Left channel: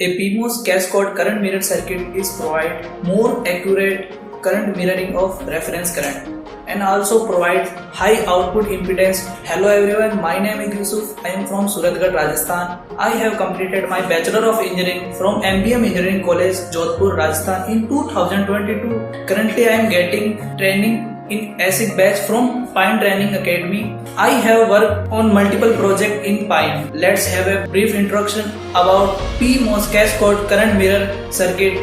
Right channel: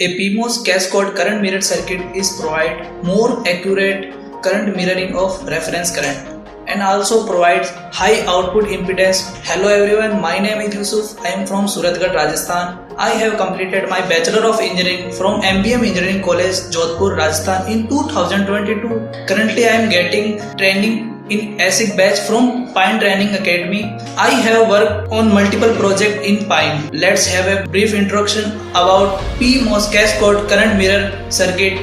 A PMOS cascade current mirror circuit is provide more accurate current mirroring of reference current and also provides high output impedance. Hello everyone, my name is Yusuf. I am from Suratgarh, Rajasthan. I have completed my Bachelor of Engineering from MBM Engineering College, Jodhpur, Rajasthan in 2022. Currently I am getting training in ASIC batch from Pine Training Academy. I have worked on multiple projects in Pine. Let's have a brief introduction about PMOS cascade current mirror circuit.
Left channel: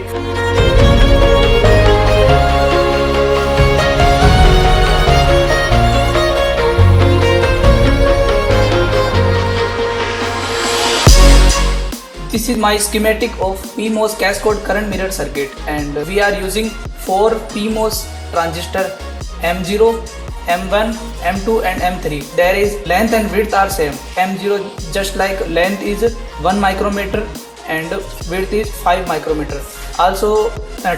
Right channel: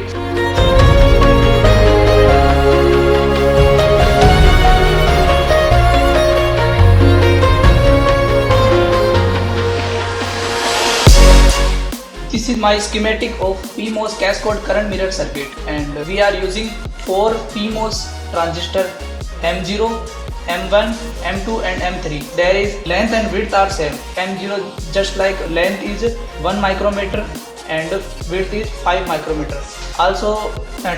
This is my schematic of PMOS cascade current mirror circuit, and we are using 4 PMOS transistor M0, M1, M2 and M3. There is length and width are same. M0 just like length is 1 micrometer and width is 5 micrometer. Also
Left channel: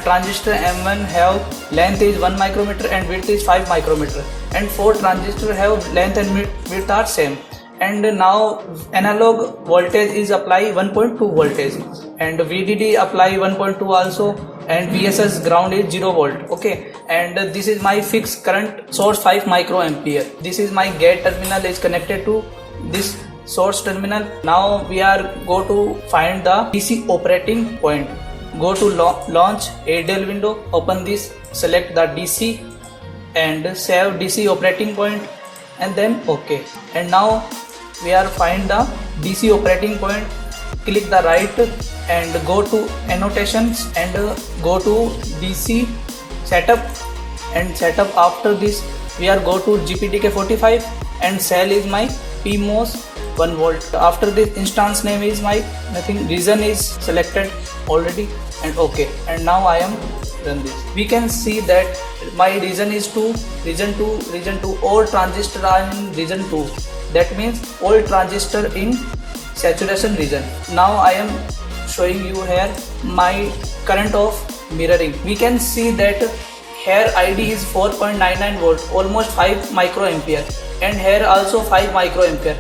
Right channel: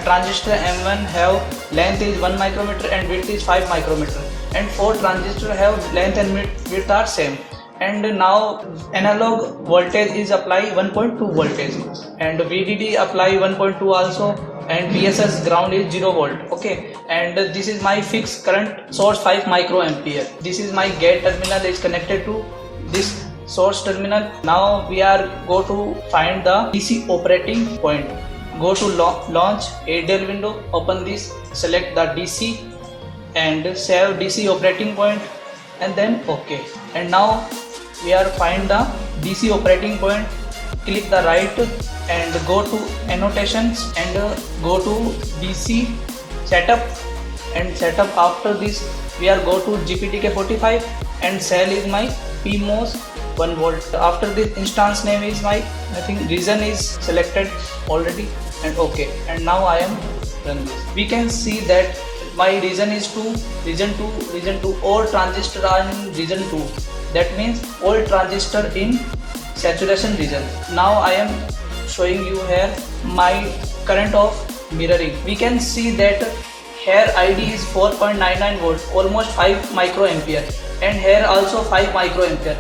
transistor M1 have length is 1 micrometer and width is 5 micrometer, and 4 transistor have length and width are same. And now analog voltage is apply 1.2 voltage and VDD apply 1.2 also, and PSS ground is 0 volt. Okay, and this is my fixed current source 5 microampere. This is my gate terminal is connected to this source terminal. Now we are go to find the DC operating point. Go to launch ADL window, open this, select the DC and save DC operating point, and then OK. And now we are find the DC operating point. Click the right and go to annotations and go to DC setup, and setup after this we are go to GPTK45 and cell is my PMOS 1 volt. After this instance name is my nothing, region is selected already and OK. And now I am run this. We can see that my region is 2, region 2, all transistor are in region 2. That means all transistor in saturation region. Now I am showing you here my current of mirroring. We can see that here ID is 4.99 volt, almost 5 microampere, and here also 5 microampere,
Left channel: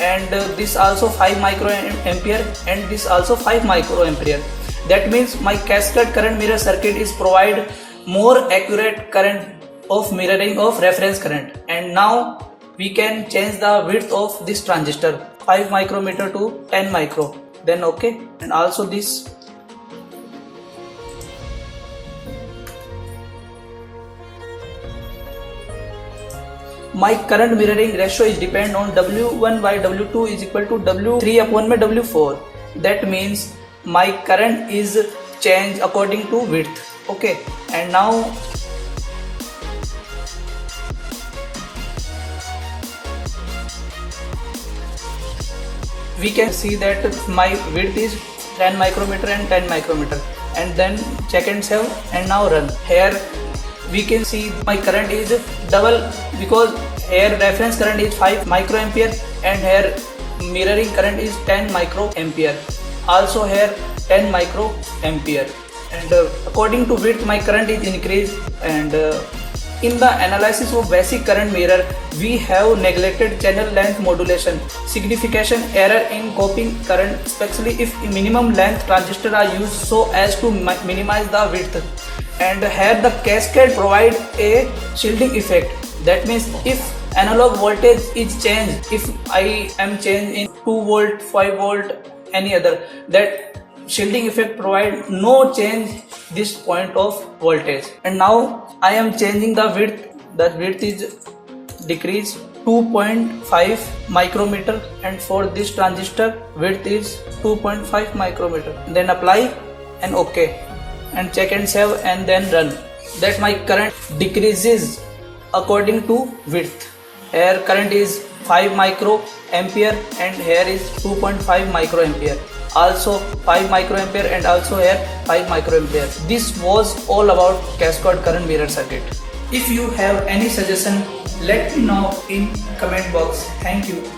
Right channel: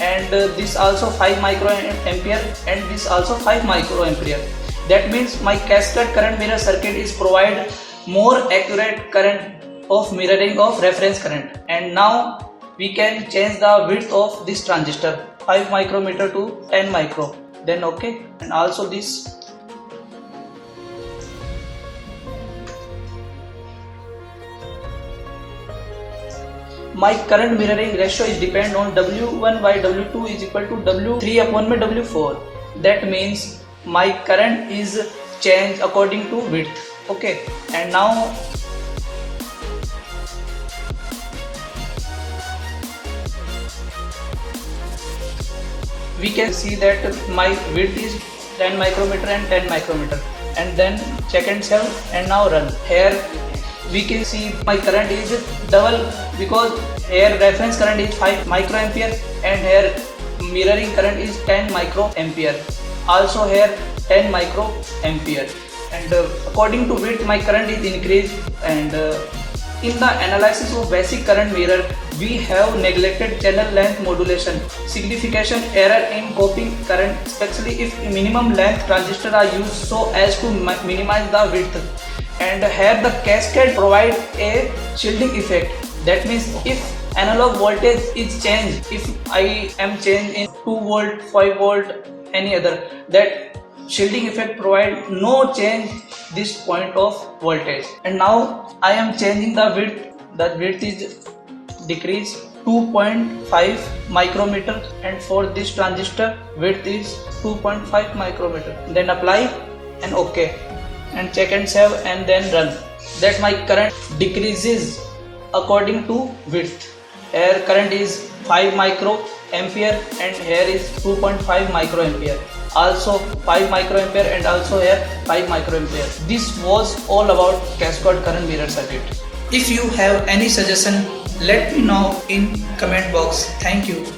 and this also 5 microampere, and this also 5 microampere. That means my cascade current mirror circuit is provide more accurate current of mirroring of reference current. And now we can change the width of this transistor 5 micrometer to 10 micro, then OK. And also this my current mirroring ratio is depend on W1 by W2 is equal to W3 upon my W4. That means my current is changed according to width. Okay, and now we can see that my width is 10 micrometer and 10 micrometer, and then check and save and now run. Here we can see my current is double, because here reference current is 5 microampere and here mirroring current is 10 microampere, also here 10 microampere, and according to width my current is increased. And in the analysis of basic current mirror, we have neglected channel length modulation, signification error in copying current, especially if minimum length transistor are used so as to minimize the width. And here the cascade provide a shielding effect. That means if analog voltage is changed, if I am changed in 2 volt, 5 volt, any other, that shielding effect provide no change this point of voltage. And now I am changing the width. The width is decreased 2.5 micrometer, and for this transistor width is 2.5 micrometer. Then apply and OK, and check and save and then run. That my current decreases according to width. Here current is 5 microampere and here is 2.5 microampere, also 5 microampere and also here 5 microampere. This was all about cascade current mirror circuit. If you have any suggestion, let me know in comment box. Thank you.